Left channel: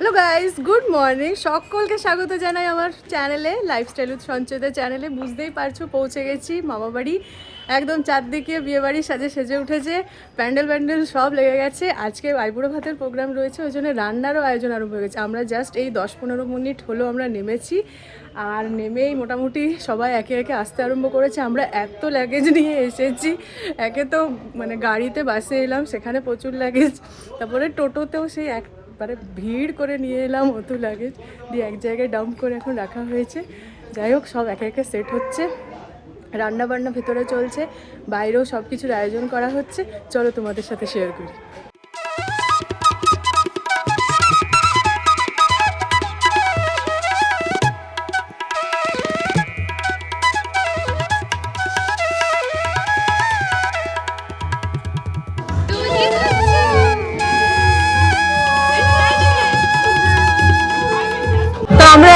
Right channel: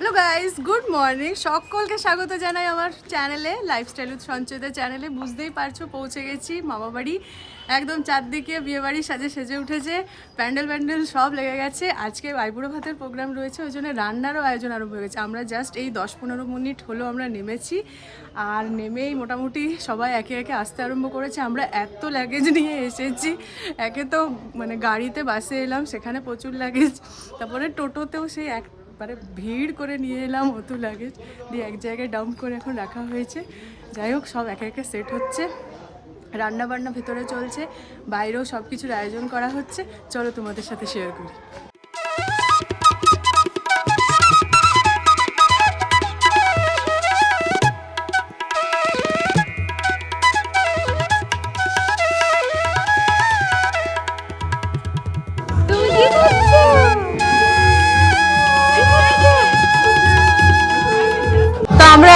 Hello guys good morning সকলকে স্বাগত জানাই আমার চ্যানেলে লাইফস্টাইল উইথ সঞ্চয়তা চ্যানেলে বুঝতেই পারছ, পৌঁছে গেছি মামা বাড়ি। একদম চারদিকে বিয়ে বাড়ি সাজে সেজে উঠেছে, প্যান্ডেল প্যান্ডেল সব লেগে গেছে। আজকে আইবুড়ো ভাতের প্রোগ্রাম রয়েছে, ওই জন্য রান্নারও আয়োজন আরম্ভ হয়ে গেছে। আমরা জাস্ট এই দশ পনেরো মিনিট হলো আমরা নেমেছি, আর নেমেই মোটামুটি সবাই একে একে আসতে আরম্ভ করেছে। আমরা এত লাগেজ নিয়ে এসেছি, একে তো মানে গাড়িতে বাসে এলাম, সেখানে প্রচুর লাগেজ তারপরে টোটোতেও সেই একবারে ভিড় করে নিয়ে এলাম অত লাগেজ দিয়ে এক জায়গায় ডাম্প করে এখন রাখা হয়েছে। যাই হোক, সব একে একে সেট হচ্ছে। রান্নাবান্না ভেতরে চলছে। বাইরেও সব কিছুর আয়োজন করা হচ্ছে। চলো তোমাদের সাথে শেয়ার করি।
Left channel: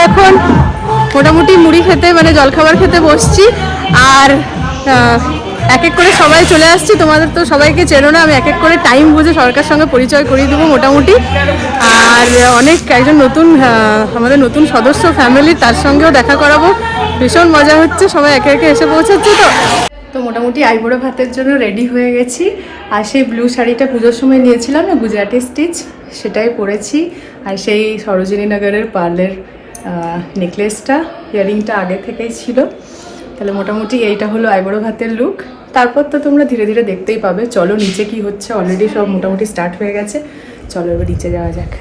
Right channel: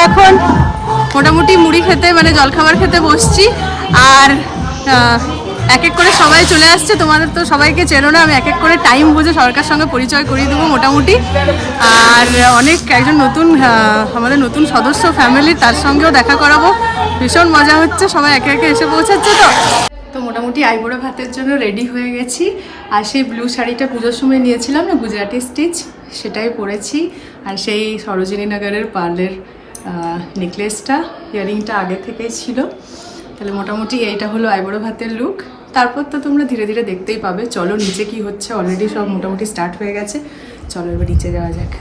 এখন মোটামুটি মুড়ি খেতে মানে জলখাবার খেতে বসছি। আর এক এক করে সবাই চলে আসছে। তোমাদের তো সবাইকে চেনো না, আমি এক এক করে টাইম বুঝে সরকার সঙ্গে পরিচয় করিয়ে দেবো মোটামুটি। আর অনেক একজন নতুন আমাদের নতুন সদস্য ফ্যামিলি তার সঙ্গেও দেখা করাবো। ভীষণ মজা হচ্ছে, সবাই একে একে এসে পৌঁছাচ্ছে তো। তো মোটামুটি আইবুড়ো ভাতের জন্য রেডি হয়ে গেছি। আর সেই ব্লু শাড়িটা পুজোর সময় নিয়েছিলাম না গুজরাটি স্টিচ সেটাই পরেছি। আর সেই সরোজিনী নগরের পার্লের নেকলেসটা ইয়ারিংটা আগে থেকেই ছিল। তাহলে মোটামুটি এইটা হলো আইবড়ো ভাতের লুক তারপর তো তোমরা ধীরে ধীরে দেখতেই পাবে, চলো নিচে কি হচ্ছে অলরেডি সব মোটামুটি স্টার্ট হয়ে গেছে। চলো এবার নিচে যাওয়া যাক।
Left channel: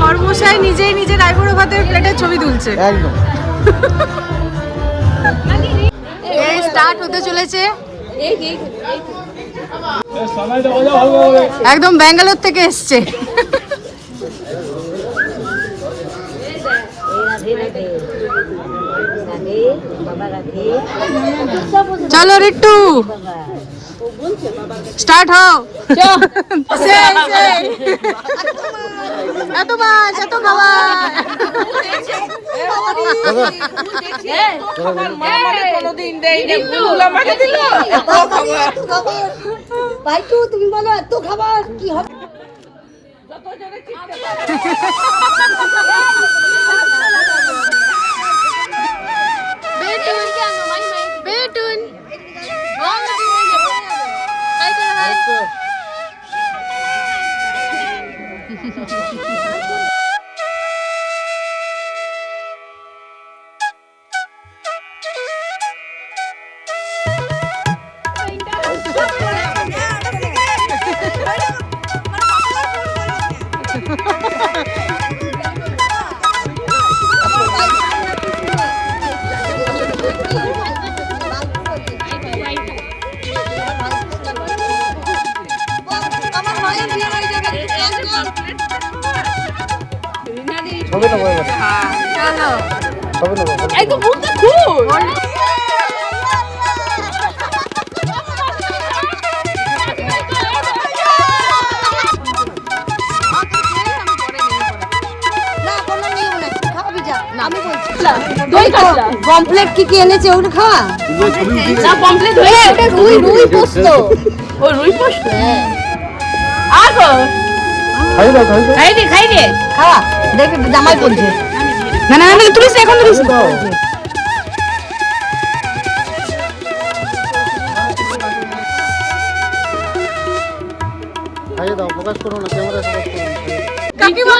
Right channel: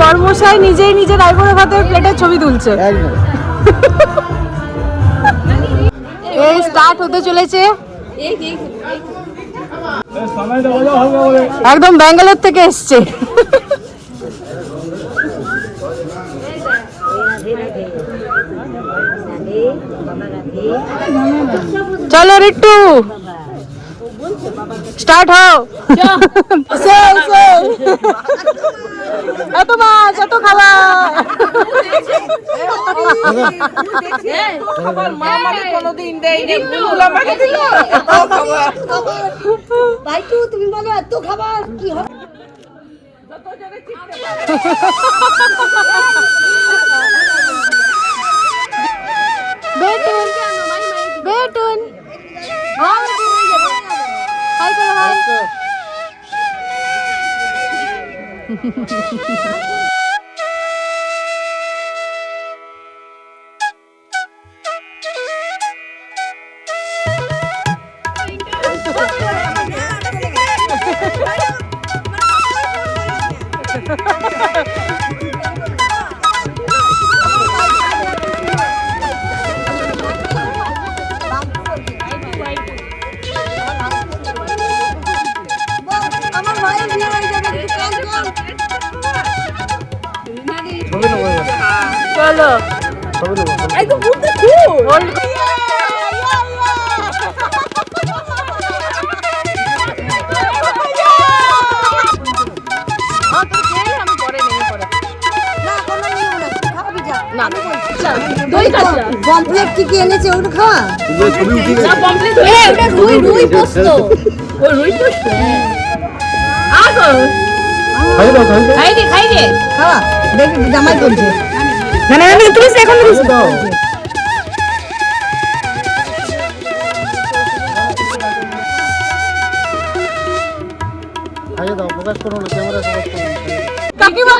বর্মশাই নিজেই নিজের আইবুড়ো ভাতের প্লেটের ছবি তুলছে। একদম। এই স্টার্ট হতে চলেছে। একদম ব্যাঙ্গালোর থেকে এসছে। চলো রিট্টু। স্টার্ট হও। সেই, সেই। এত মাছ এত ভাইটু তুমি বলো এত খাবার কি হবে? ছবি নেব পমফ্লেট কি কি এনেছে ওগুলো খাওয়া? ছবি উঠে গেছে রুই রুই পোস্ত। খাই দাও খাই দাও খাওয়া। দেখ জামাই করছে না না না তুলিস এখন তুলিস দাও। খাই ফোকাস করো না ক্যামেরা ফোকাস করো। কাকিমা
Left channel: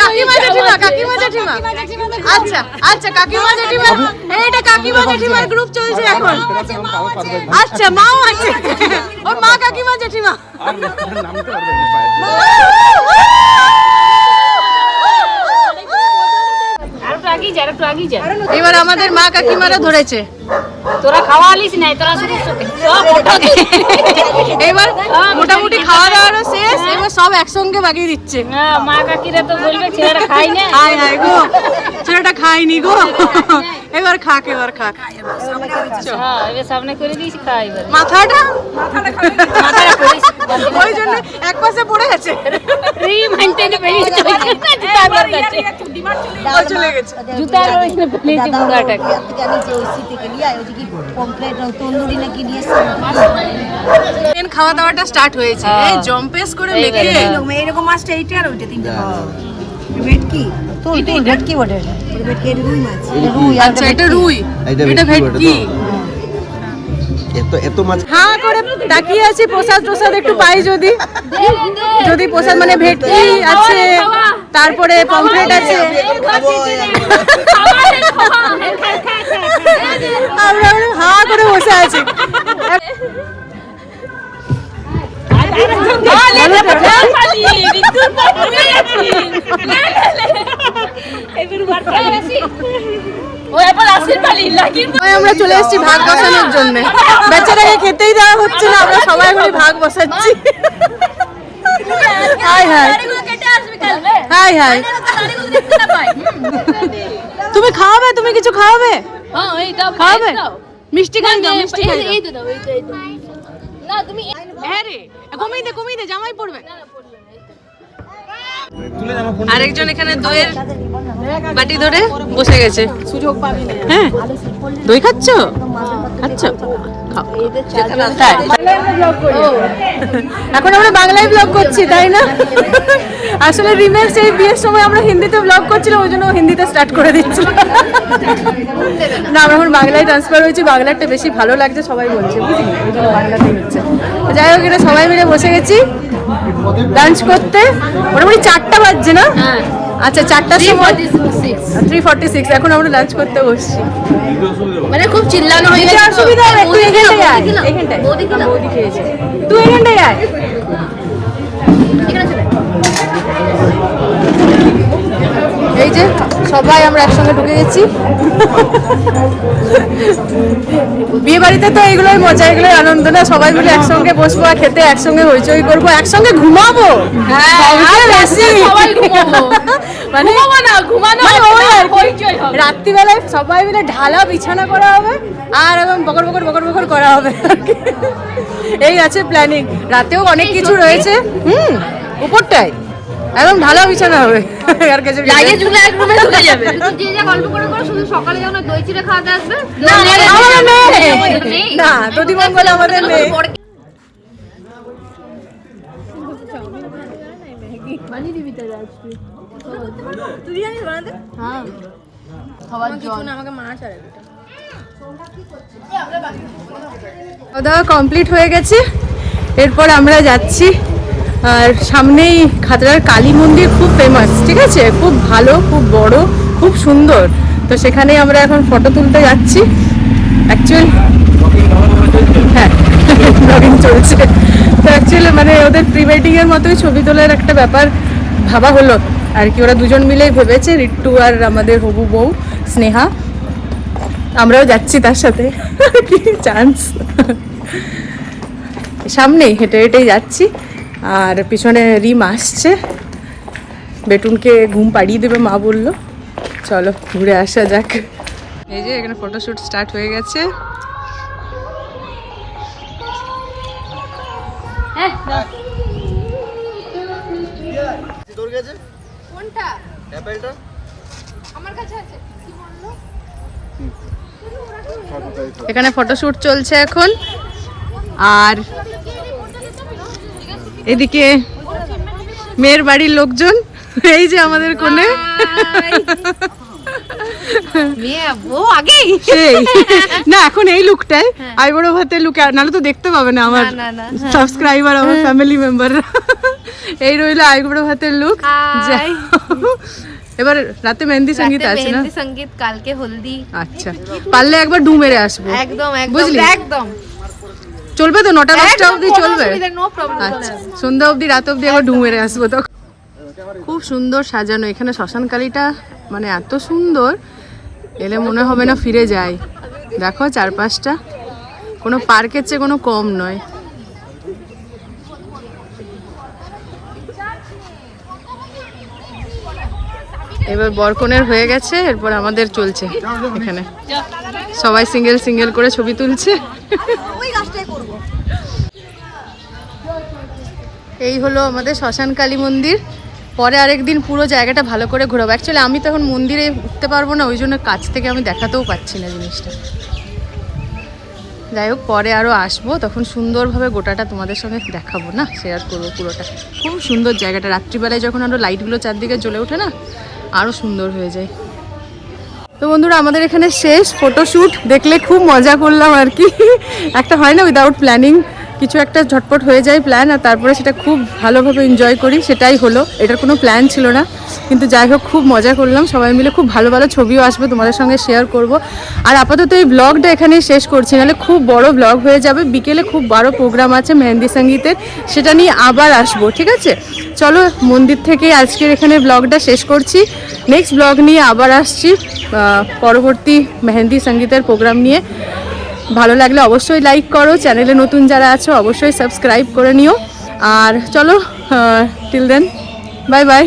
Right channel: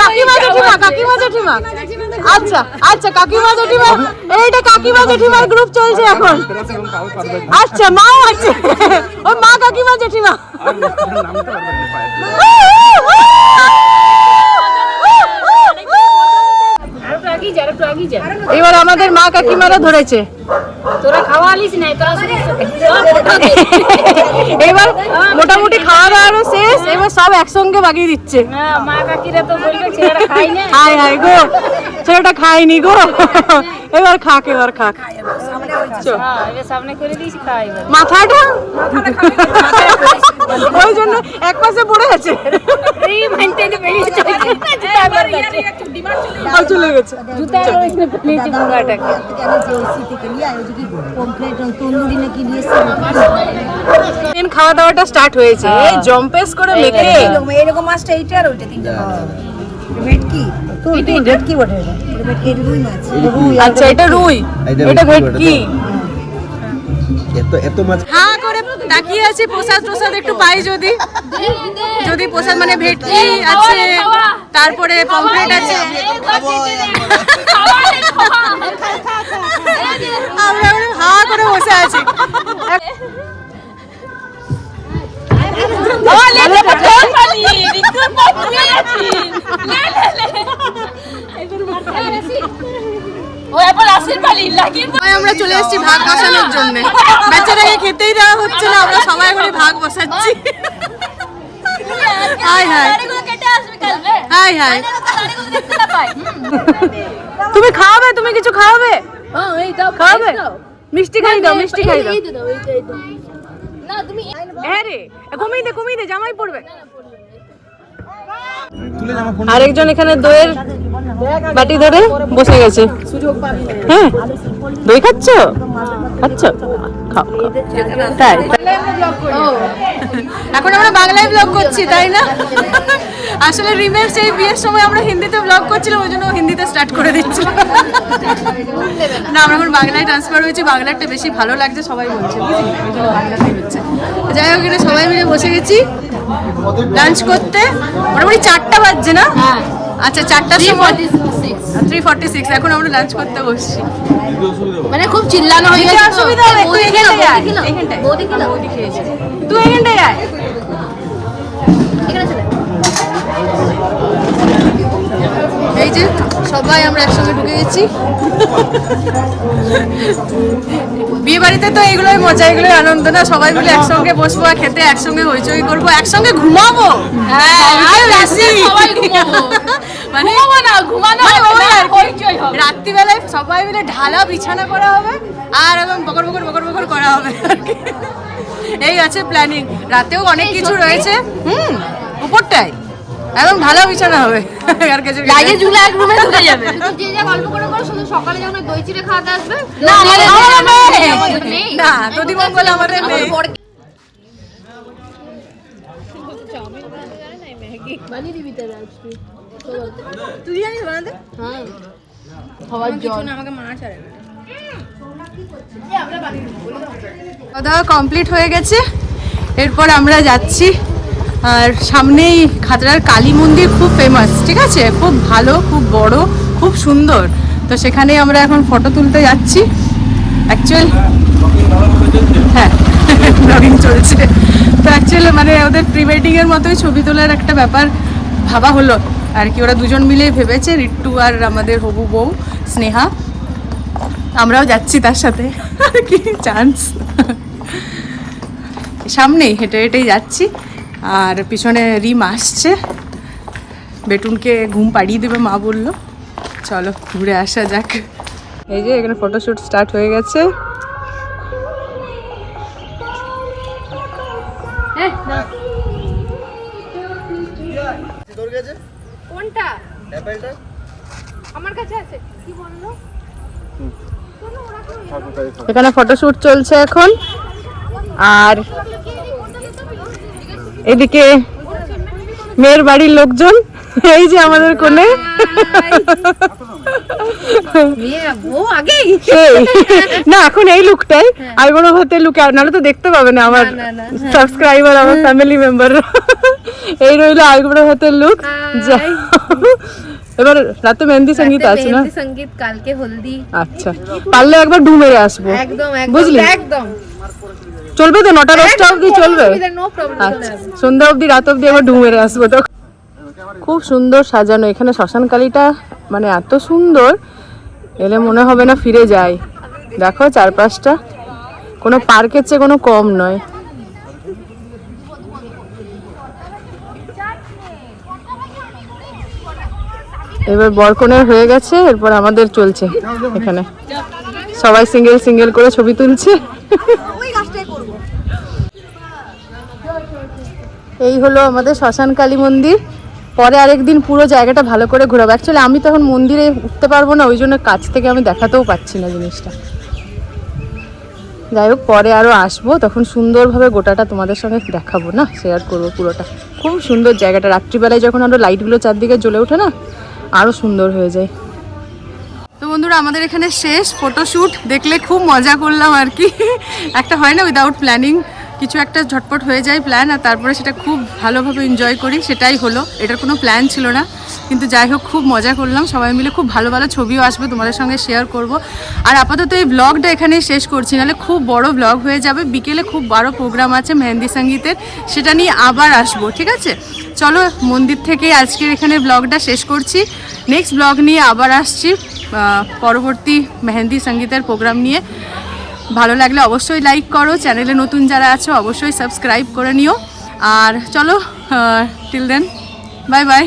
কাকিমা জেঠিমা কাকিমা জেঠিমা। আচ্ছা আচ্ছা কাকিমা জেঠিমার এইটা কাকিমা জেঠিমার গ্রুপ চলছে এখন। আচ্ছা মাও আছে। ও মা কাকিমা জেঠিমা। একটু এবার আমাদের মা কাকিমারা ধরেছে। তোরা খাওয়া আলিস নাই তোরা শুধু এবার মোটামুটি খাওয়া দাওয়ারও শেষ এবার সব একসঙ্গে বাগিয়ে দিচ্ছে। হ্যাঁ মা কাকিরা তো বলবে খাই না। হায় হায় গো ছেলেটা খায়নি গো। এবার খাক এবার খাক। হ্যাঁ, মাথাটা? ওই জন্য এক পাশে পড়ে আছে। জুতা দিন খাওয়া দাওয়াটা স্টার্ট হয়েছে। এই জম্পেস করে মেখে। এরকম মাছটা এইটা আর ওইটা তিনটা ভেটকি তুই তুই ভেটকি বটে? এটা? এটা ভেটকি রুই মাছ। এটা রুই। আচ্ছা এটা রুই এটা এটা ভেটকি এত এত মাছ হ্যাঁ করে তাকিয়ে আছি প্রসাদ প্রসাদ একটু পাই যদি যদি প্রসাদ মানে ভেটকি আছে তারপরে পমফ্রেট আছে আমরা আমরা হা করে বসে আছি আমরা চলে এসেছি ভাগ বসানোর জন্য। বেচারাকে খেতেই দেওয়া হচ্ছে না আমরা সবাই মিলে ভাগ বসাচ্ছি। Hi hi. Hi hi. তুমি খাওয়াবে? তুমি কিছু খাওয়াবে? হ্যাঁ? দাও মিষ্টি খাই দাও মিষ্টি খাই দাও। না তুমি হ্যাঁ রে কমিয়ে দে কমিয়ে দে জামাই পড়বে তুলে জামা ফোন আরেকজন এখানে দইয়ের বাটি ধরে বসে গেছে। হ্যাঁ দই খাচ্ছ? খাচ্ছ। তাই এখন আমরা বাংলায় ব্লগ করছি, তাই না? আসলে রিমের সেই বিয়ের সময় আমরা হিন্দিতে ব্লগ করছিলাম, ওই জন্য হিন্দিতে স্টার্ট করে দিচ্ছিল। না, আমরা এখন বাংলায় ট্রান্সফার হয়েছি বাংলাটা বেশি ভালো লাগছে, সবাই বলছে, বুঝলি? বাংলাতেই হচ্ছে। যাই হোক এটা সবাই মিলে বসে গেছি লাঞ্চ করতে। মোটামুটি চারটা বাজছে না? আচ্ছা চারটার সময় থ্রি ফর্টি সিক্স এখন আমরা লাঞ্চ করতে বসছি। মানে খুব চিল্লানো হয়ে গেছে অসুবিধা হবে তুই এখানটায় আয় এখানটায়। বৌদি খেয়েছে। তুই এখানটায় আয়। এই যে সবাই আমরা একসঙ্গে ঢুকে গেছি। বিয়ে বাড়িতে তো এগুলোই মজা এগুলোই আনন্দ না? সবাই মিলে একসঙ্গে বসবো আর খেতে একসঙ্গে হইচই করব একসঙ্গে ঘুমাবো? বেশি। মানে মানে। রাত্রিবেলায় সবাই মিলে ঢালা বিছানা করা হবে আর একদম বকর বকর বকর বকর করা হবে এই আছে প্ল্যানিং রাতেও অনেক কিছু রয়েছে। হুম উপরটায়। একদম ঢালা বিছানা হবে। আর কিছু কিছু। যে যা গল্প করে করে শুধু সকালে যখন দই চিড়ে খাওয়াতে আসবে আমাদের নেই আমাদের নেই। না দধি মঙ্গল আমাদের নেই খাওয়া দাওয়া কমপ্লিট হয়ে গেছে। এরপর আমরা যাচ্ছি আর সামনেই খাতড়ার কালী মন্দির খুব ফেমাস ঠিক আছে? খুব ভালো, খুব বড়, খুব সুন্দর। তো সেখানে আমরা এখন ফটো তুলতে যাচ্ছি। অ্যাকচুয়াল হ্যাঁ ব্লগিং চলছে। তো অ্যাকচুয়ালি মানে ওদের প্রি ওয়েডিংয়ের মতোই ছবি তোলার একটা ব্যাপার ভাবা হলো। আর কি, ওরা দুজন মিলেই ভেবেছে, রিট্টু আর আমাদের হবু বউ, স্নেহা। আমরাও যাচ্ছি তার সাথে। চান্স সামনেই হেঁটে হেঁটেই যাচ্ছি। আর পিছনে রিম আসছে। বেটুনকে ঘুম পাড়িয়ে দেবে মা বলল। চলো ঘুরে আসা যাক। এই যে এখানে ফটোশ্যুট স্টার্ট হয়ে গেছে। কোনটা? অ্যাপেলটা? আমার কাছে আছে। কি বলল? এখানে ফটোশ্যুট চলছে এখন। আর এদিকে মেয়ের বাড়ির লোকজন এই যে আমাদের এই না এখন এই লুকটাই আইবুড়ো ভাতের লুক নাহলে তো দেখতে পাবে না আমার সাবস্ক্রাইবার আমার ফ্যামিলি মেম্বার এই রইল আইবুড়ো ভাতের লুক Hi. এবার রাতে মেহেন্দি সংগীত আছে না? মেহেন্দি সংগীত কালকে হলদি। আচ্ছা। পারলে একবার ডু মেরে আসব। একদম একদম বুঝলি? একদম। চলবে তো? নটা দশটা অবধি চলবে? আচ্ছা সন্ধ্যা অবধি রাত অবধি আবার ডু মেরে আসব তো। খুব সুন্দর সাজানো। এখানে শ্মশান কালীটা মানে এত সুন্দর এলে মনে হবে না ফিরে যাই। দেখো চারপাশটা। কোনো পার্কের চেয়ে কোনো কম নয়। এবার বরকনের হয়ে গেছে এরপর আমাদের চলছে এখানে। সবাই সিঙ্গেল সিঙ্গেল করে ছবি তুলছে। এই হলো আমাদের শ্মশান কালী মন্দির। পরে আরেকদিন পুরো জায়গাটা ভালো করে ঘোরাবো। অ্যাকচুয়ালি আমি তো এখন মন্দিরে উঠতে পারব না, ওই জন্য কাছ থেকে আমি দেখাতেও পাচ্ছি না জিনিসটা। যাই হোক, পরে আরও আসব, তখন সুন্দরভাবে গোটাটা তোমাদের সঙ্গে দেখাবো না শেয়ার করব পুরোটা। খুব সুন্দর জায়গাটা, রাত্রিবেলায় যখন আরও লাইটগুলো চারদিকে জ্বলে ওঠে না আরও সুন্দর হয়ে যায়। তো বন্ধুরা, আমাদের এখানে শেষ ফটোশ্যুট দেখলে খুব মজা করলাম আর কি। একটা হয় না উইদাউট প্ল্যানিং কিছু একটা ঝটপট হয়ে যায় প্ল্যান আর তারপরে সেটা খুব ভালোভাবে এনজয় করি, সেটাই হলো। এটার কোনো প্ল্যান ছিল না। কিন্তু যাই হোক, খুব মজা করলাম। সবাই মিলে খুব ভালো ভালো ছবিও আসবে তোমাদের সঙ্গে শেয়ার করব। আর আপাতত এই ব্লগটা এখানেই শেষ করছি। নাহলে খুব বড় ব্লগ হয়ে যাবে। বিকেলে খুব বড় প্রোগ্রাম আছে মেহেন্দি সঙ্গীতের। সেটা নিয়ে আবার আসব, ঠিক আছে? চলো, মন্দির থেকে আজকের এখানে ব্লগটা শেষ করছি। নেক্সট ব্লগ নিয়ে আবার আসছি পরবর্তী মেহেন্দি সঙ্গীতের প্রোগ্রাম নিয়ে। ভালো লাগলে অবশ্যই লাইক করো। চ্যানেলে নতুন যারা আছো, অবশ্যই সাবস্ক্রাইব করে নিও। আর চলো টিল দেন বাই বাই